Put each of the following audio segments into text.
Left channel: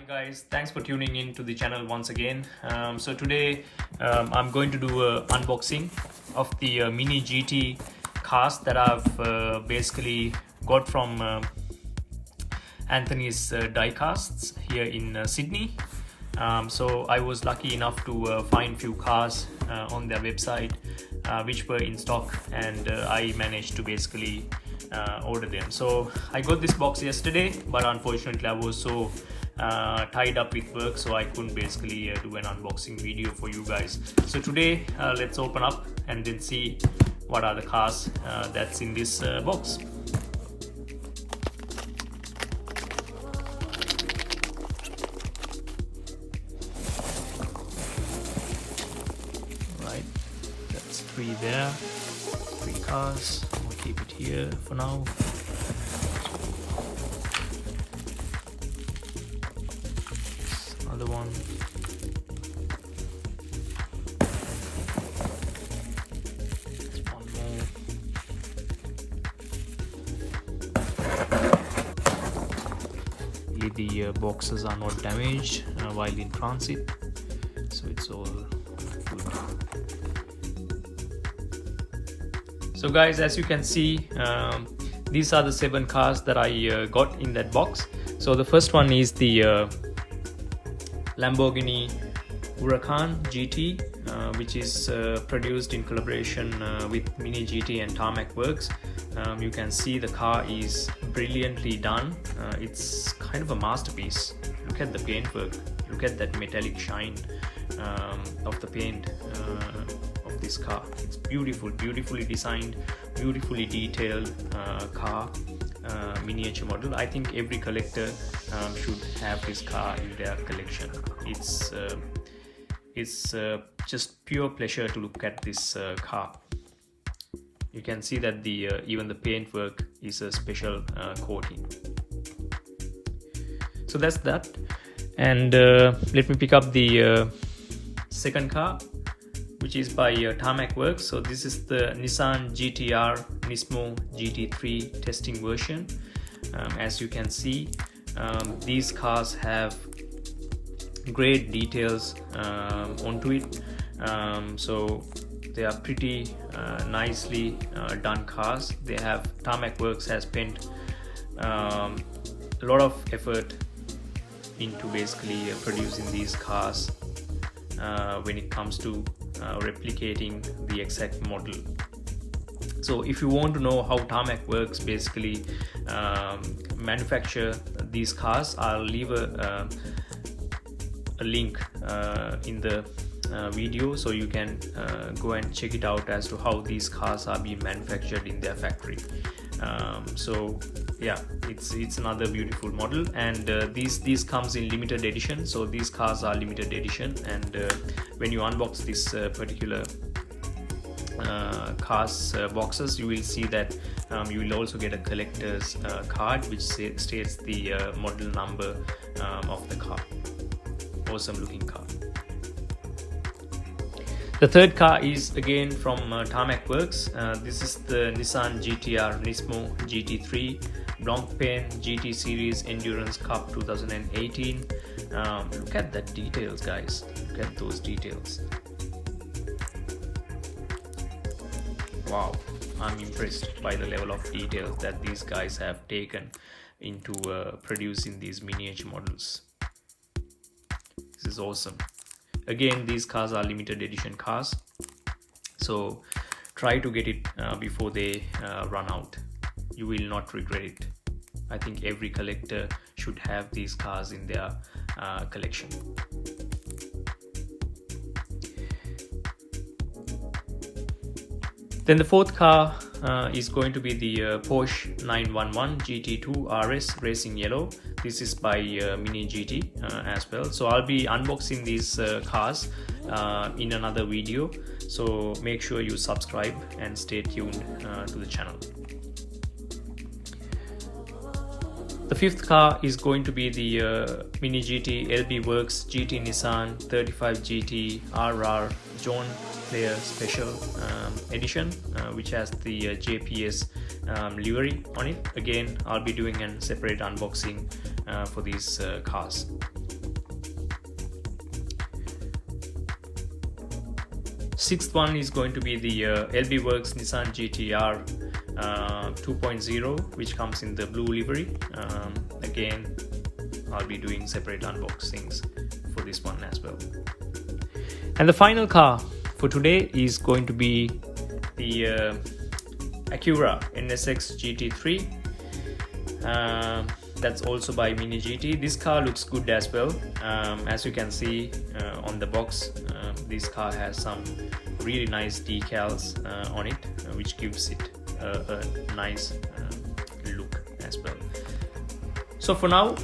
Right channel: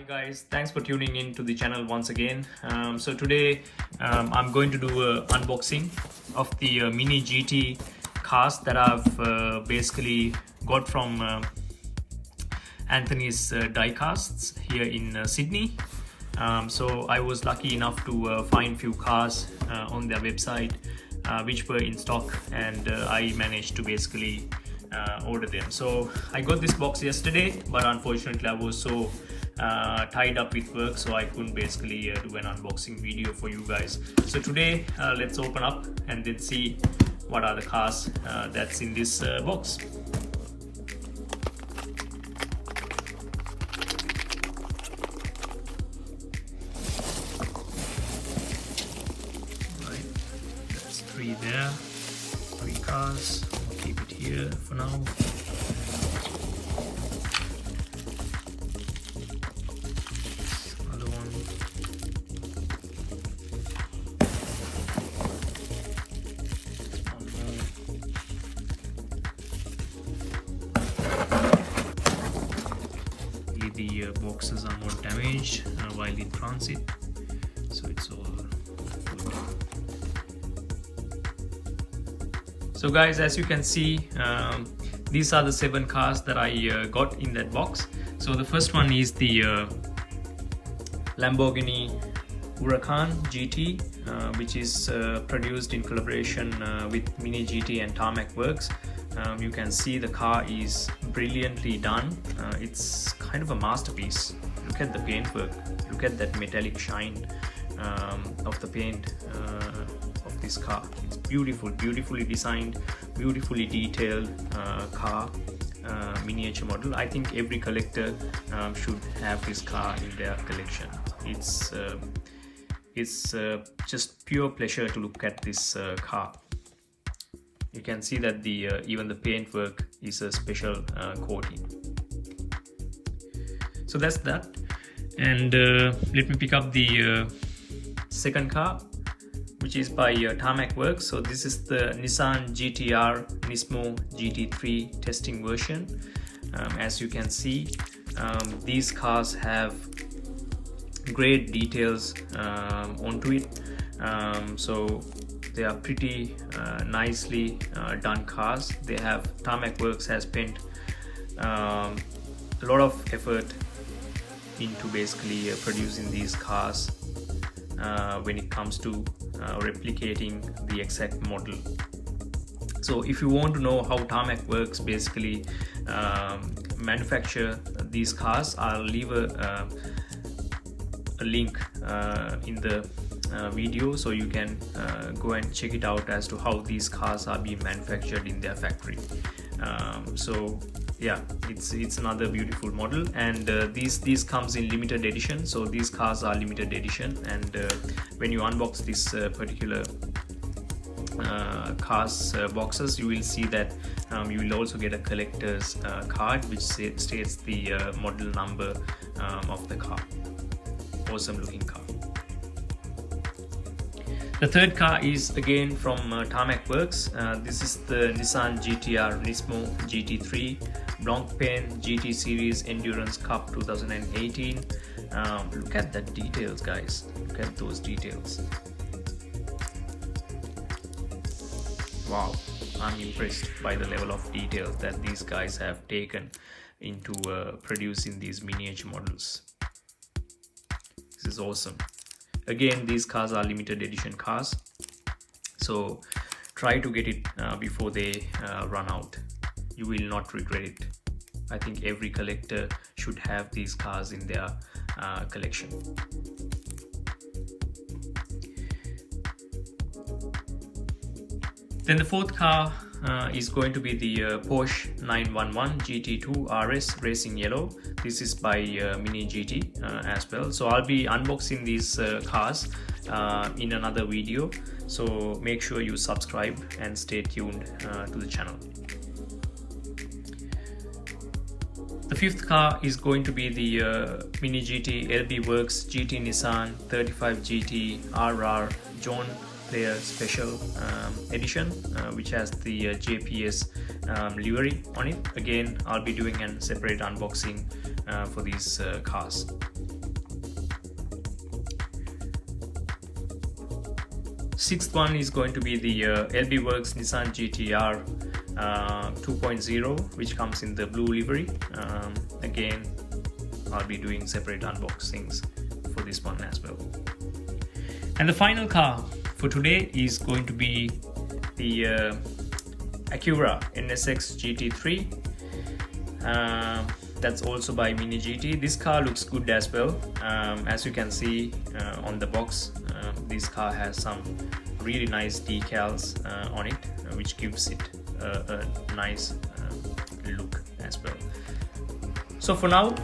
Hi guys, thanks for tuning in to the channel once again. So today I'm going to do an unboxing of the Mini GT cars that I've basically got from Anthony's Diecasts here in Sydney. So I was lucky enough to find few cars on their website which were in stock, and I managed to basically order them. So I got this box yesterday, but unfortunately I was so tied up with work, so I couldn't basically do an unboxing video for you guys. So today let's open up and then see what are the cars that's in this box. Right, that's three there, three cars. I'll keep it here for now. The boxes are not damaged while in transit, so it's all good. So guys, as you can see, these are the 7 cars that I got in that box. So the first one is the Lamborghini Huracan GT, which is produced in collaboration with Mini GT and Tarmac Works. You can see the car is brilliantly done. It's kind of a masterpiece. Look at the paintwork, look at that metallic shine of the paint of this car. It's beautiful, beautifully designed, beautifully detailed car, miniature model. I think every collector should have this car in their collection. It's just pure pleasure to look at this car. You can see that the even the paintwork is a special coating. So that's that, and let me pick up the second car, which is by Tarmac Works. So this is the Nissan GT-R Nismo GT3 testing version. As you can see, these cars have great details onto it. So they are pretty nicely done cars. Tarmac Works has spent a lot of effort into basically producing these cars when it comes to replicating the exact model. So if you want to know how Tarmac Works basically manufacture these cars, I'll leave a link in the video, so you can go and check it out as to how these cars are being manufactured in their factory. So yeah, it's another beautiful model, and these comes in limited edition. So these cars are limited edition, and when you unbox this particular cars boxes, you will see that you will also get a collector's card which states the model number of the car. Awesome looking car. The third car is again from Tarmac Works. This is the Nissan GT-R Nismo GT3 Blancpain GT Series Endurance Cup 2018. Look at that details, guys. Look at those details. Wow, I'm impressed by the level of details that these guys have taken into producing these miniature models. This is awesome. Again, these cars are limited edition cars, so try to get it before they run out. You will not regret it. I think every collector should have these cars in their collection. Then the fourth car is going to be the Porsche 911 GT2 RS Racing Yellow. This is by Mini GT as well. So I'll be unboxing these cars in another video. So make sure you subscribe and stay tuned to the channel. The fifth car is going to be the Mini GT LB Works GT Nissan 35 GT RR John Player Special Edition, which has the JPS livery on it. Again, I'll be doing a separate unboxing for these cars. Sixth one is going to be the LB Works Nissan GTR 2.0, which comes in the blue livery. Again, I'll be doing separate unboxings for this one as well. And the final car for today is going to be the Acura NSX GT3. That's also by Mini GT. This car looks good as well. As you can see on the box, this car has some really nice decals on it, which gives it a nice look as well. So for now,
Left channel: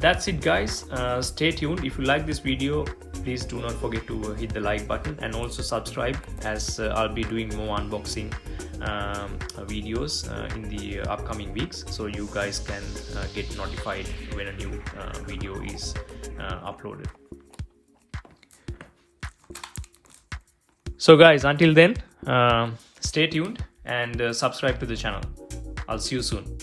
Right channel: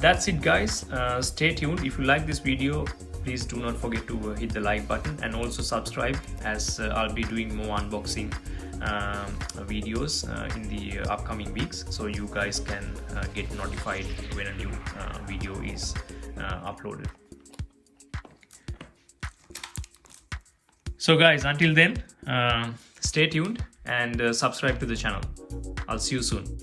that's it guys. Stay tuned. If you like this video, please do not forget to hit the like button and also subscribe, as I'll be doing more unboxing videos in the upcoming weeks, so you guys can get notified when a new video is uploaded. So guys, until then, stay tuned and subscribe to the channel. I'll see you soon.